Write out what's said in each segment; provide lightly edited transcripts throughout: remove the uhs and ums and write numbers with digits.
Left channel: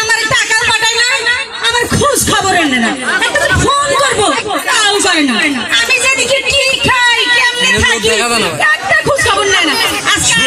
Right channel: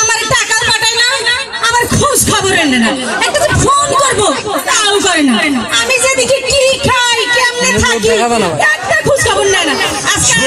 আমার টাকা পাঠায় না, আমার খোঁজ খবর এনে না, একটা ফোন করবো তাও করে না। আমি যেদিকে কি খাই কেমনে থাকি একটা খোঁজ খবর নেয় না। আজকে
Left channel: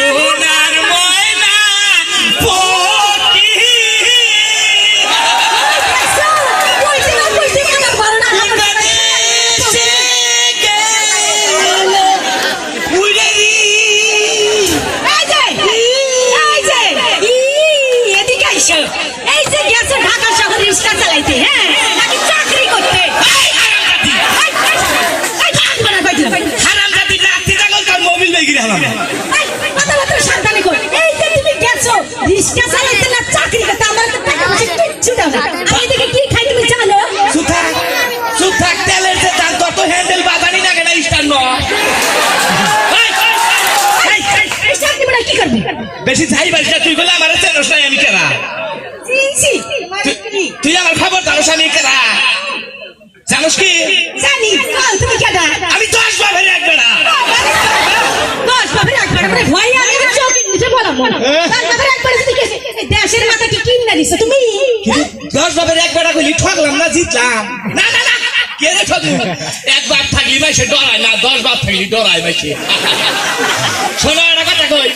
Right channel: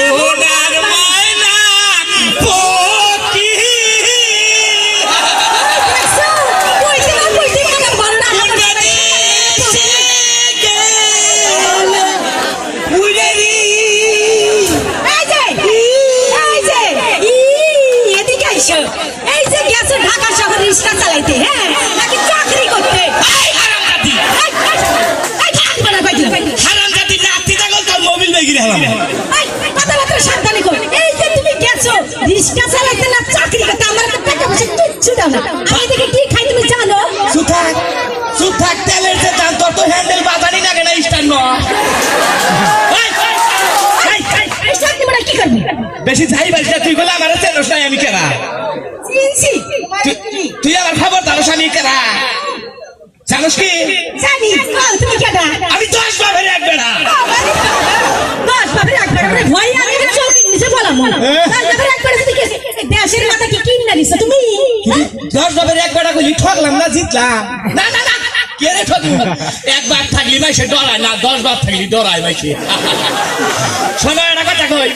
এই যে গেছে ঢাকা শহরে রিক্সা চালাইতে, হ্যাঁ নাকি চাকরি করতে। কথাবার্তা সাবধানে কর। এই যে তুমি গেছো রিক্সা চালাইতে না চাকরি করতে, আমার তো টাকা পয়সা কিচ্ছু দাও না। আমি দেখে কি খাই তুমি জানো? তেলের যে দাম তত হ্যান্ডেল বাজানি না কেন স্টার ন কি করবি? বেশি যাই বাইকটা তুই বলে আমার চেনস নাই আমি কেরা? তুই আমার খবর দাঁড়াস আমি কেরা জানোস কি? জানি। তুমি কেডা? আমি 10 বাপের এক বেড়া। 10 বাপের এক বেড়া মানে ভয় আমি চোখে নিচে বললাম। 10 বাপের এক বেড়া কি দেশের মাথা কি কিন্না দিছ তুমি? 10 বাপের এক বেড়া কইলি ঠকলাম না জিতলাম? না না না কে রে ঠকলি? এক বাপ থাকলি মাইসে ডরায় না, 10 বাপ থাকলি ডরায় মাইসে। শোনো একটা কথা কই,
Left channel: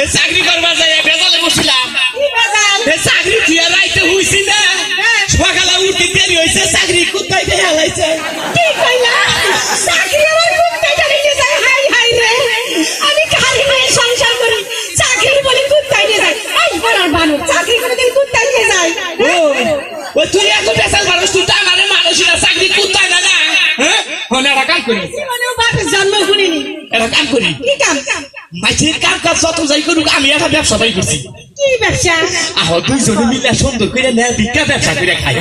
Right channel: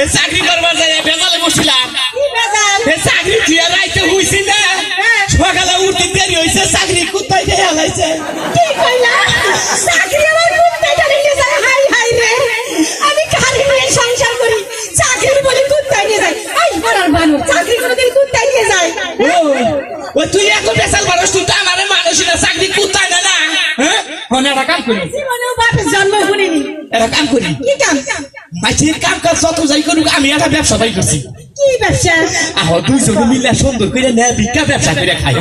এই চাকরি করবার যাই বেজালে বসছিলাম। এই চাকরি দিয়া রাইতে হইছি না, সকালে উঠতে দেরি হইছে, চাকরি কোথায় দিয়ে হালাইছে। কি কইলা? চাকরি আমার কুত্তে নিয়ে যায়। হাই হাই রে, আমি কারি নিয়ে সংসার করি, চাকরি বলি কুত্তে নিয়ে যায়। আই বড়ার বানু, চাকরি করে দিন কুত্তে নিয়ে যায়। ও তুই এত বেসাল মানুষ, তুই তো আমার মানুষই না, চাকরি কোথায় না না। হ্যাঁ হনে একটা কাম করি, জীবনেও বাপের জন্ম করিনি। একটা কাম করি। কি কাম? মাইসির কাম কাজ যত যাই করুক, আমি একটা ব্যবসা বাই করছি। কি ব্যবসা? আহ দুইজনে মিলে সুন্দর করে না ভিক্ষা ব্যবসা করে খাই।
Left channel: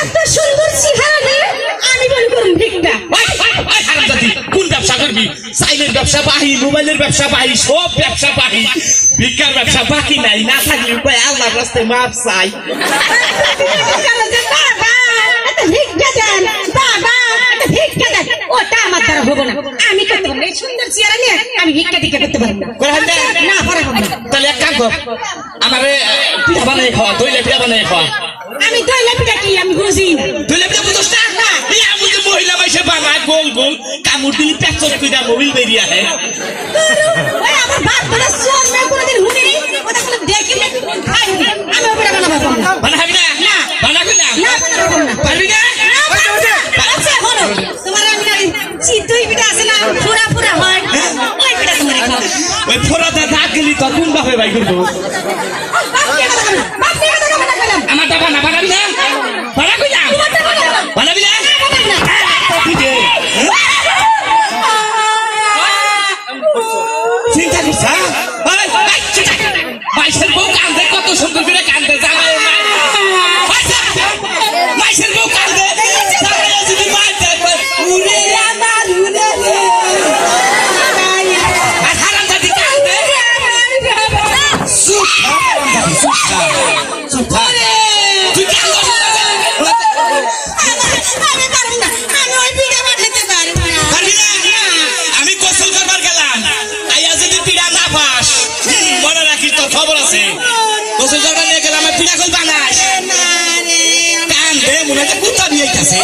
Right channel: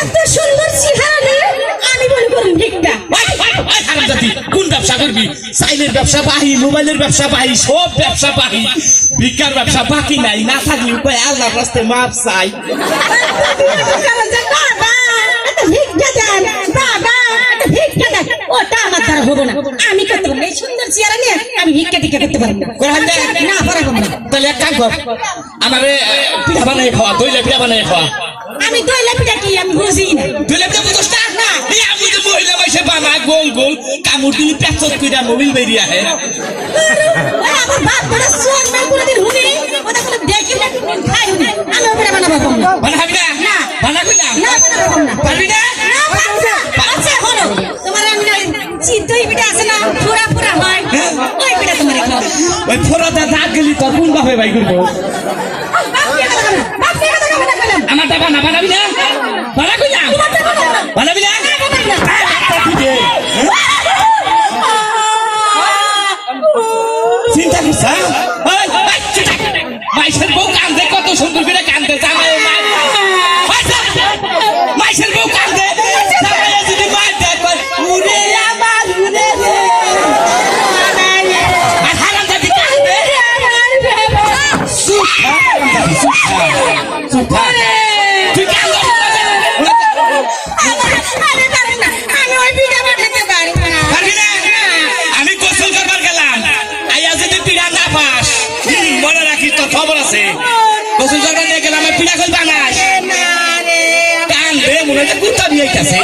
এত সুন্দর চেহারা রে, আমি বলি করুন ভিক্ষা। কোন ব্যবসা করবি? সাইলের ব্যবসা বাহি, মোবাইলের ব্যবসা বাহি, সব ব্যবসা বাহি, ভিক্ষার ব্যবসা বাকি নাই। না থাকলে উপায় আল্লাহর রাস্তায় মাপ চাই। ওটা আমার দ্বারা হবো না, আমি করতে পারবো না। এই সুন্দর চেহারা নিয়ে আমি ভিক্ষা টিক্ষা করতে পারবো না। না পারবো না। তাহলে এক কাম কর, আমার পিঠা বানিয়ে খাওয়া, দইলে পিঠা বানিয়ে খাওয়া। আমি দইলে পিঠা কি আমি বুঝি না। দইলে পিঠা বুঝোস না? আমি তো মহিলা মাইসে বানায় গোল গোল, কামড় দিলি পেঁচত কইরা মোবিল বেরিয়ে আহে। আমার বাপ বলে সোম মে কোনদিন হুনি ওটা কোন দেখিলে খাই হুনি। আমি ওটা বানাবো না। বানাবি না? না বানা কই না? না বানাবো না। পারবি না? আচ্ছা হলো তোমার আমি চিতই পিঠা আছে না, ফোড়া ফোড়া হয়, ওই পিঠা তুমি রাখো। ওই ফোড়াতে দাগ দিলি তো কোন বাপে ভাই করবো? আমার টাকা না বানাবি না? বানা কই না? বানাবি না? চিন্তা করছ? মাইসের বউ কান্দে, কত সুন্দর করে কান্দে, জানাও না। মাইসের বউ কান্দে, যদি মার দেখবে উড়ে আমার উড়ে রে। আর হারাম জাতি কান্দে, তুই কান্দ। আমি গোসল করবার গেলাম, আইয়া যদি পিড়া না পাস মনে রাখিস, তোর খবর আছে। গোসল করবার নিয়ে গেলাম, আমার পিড়া কই বানাস? কান্দে মনে হচ্ছে কুত্তা নিয়ে আইতাছে।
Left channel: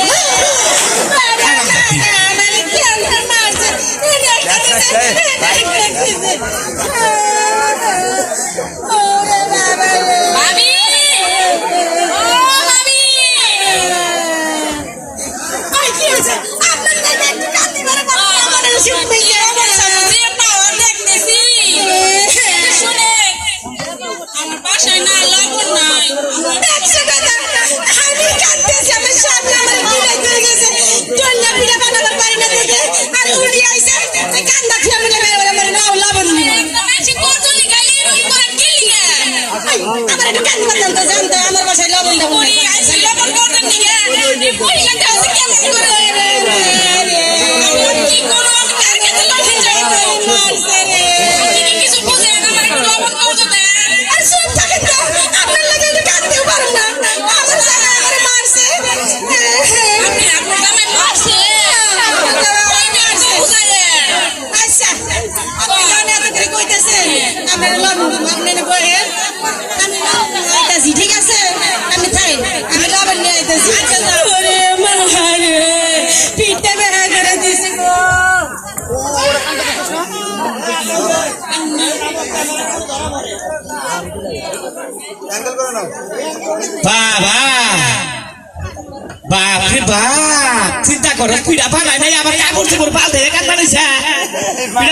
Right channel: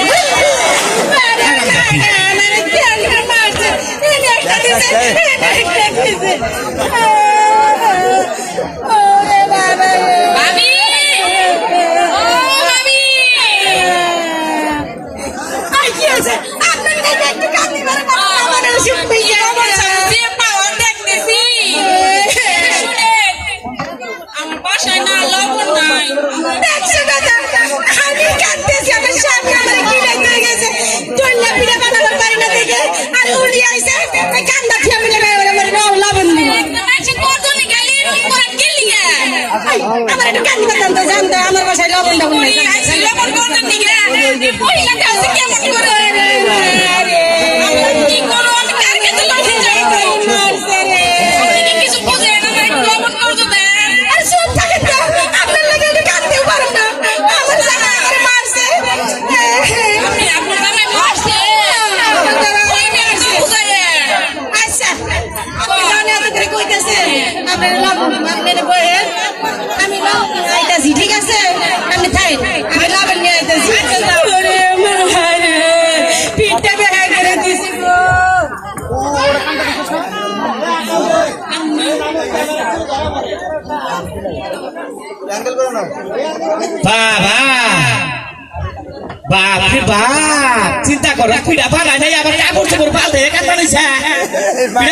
আমার বাসায় লবণ আপনারা আপনি আমি আইতাছি ঠিক আছে আপনি থাই আমি লাভার নিয়ে আইতাছি আমার ভাই রে পিঠটা দেখা করে দিছে গো বাবা বাপরে বাপ চিন্তা করো পিঠা পাড়ায় নাই আবার কাপড় চোপড় পাল্টে কান্না নিছে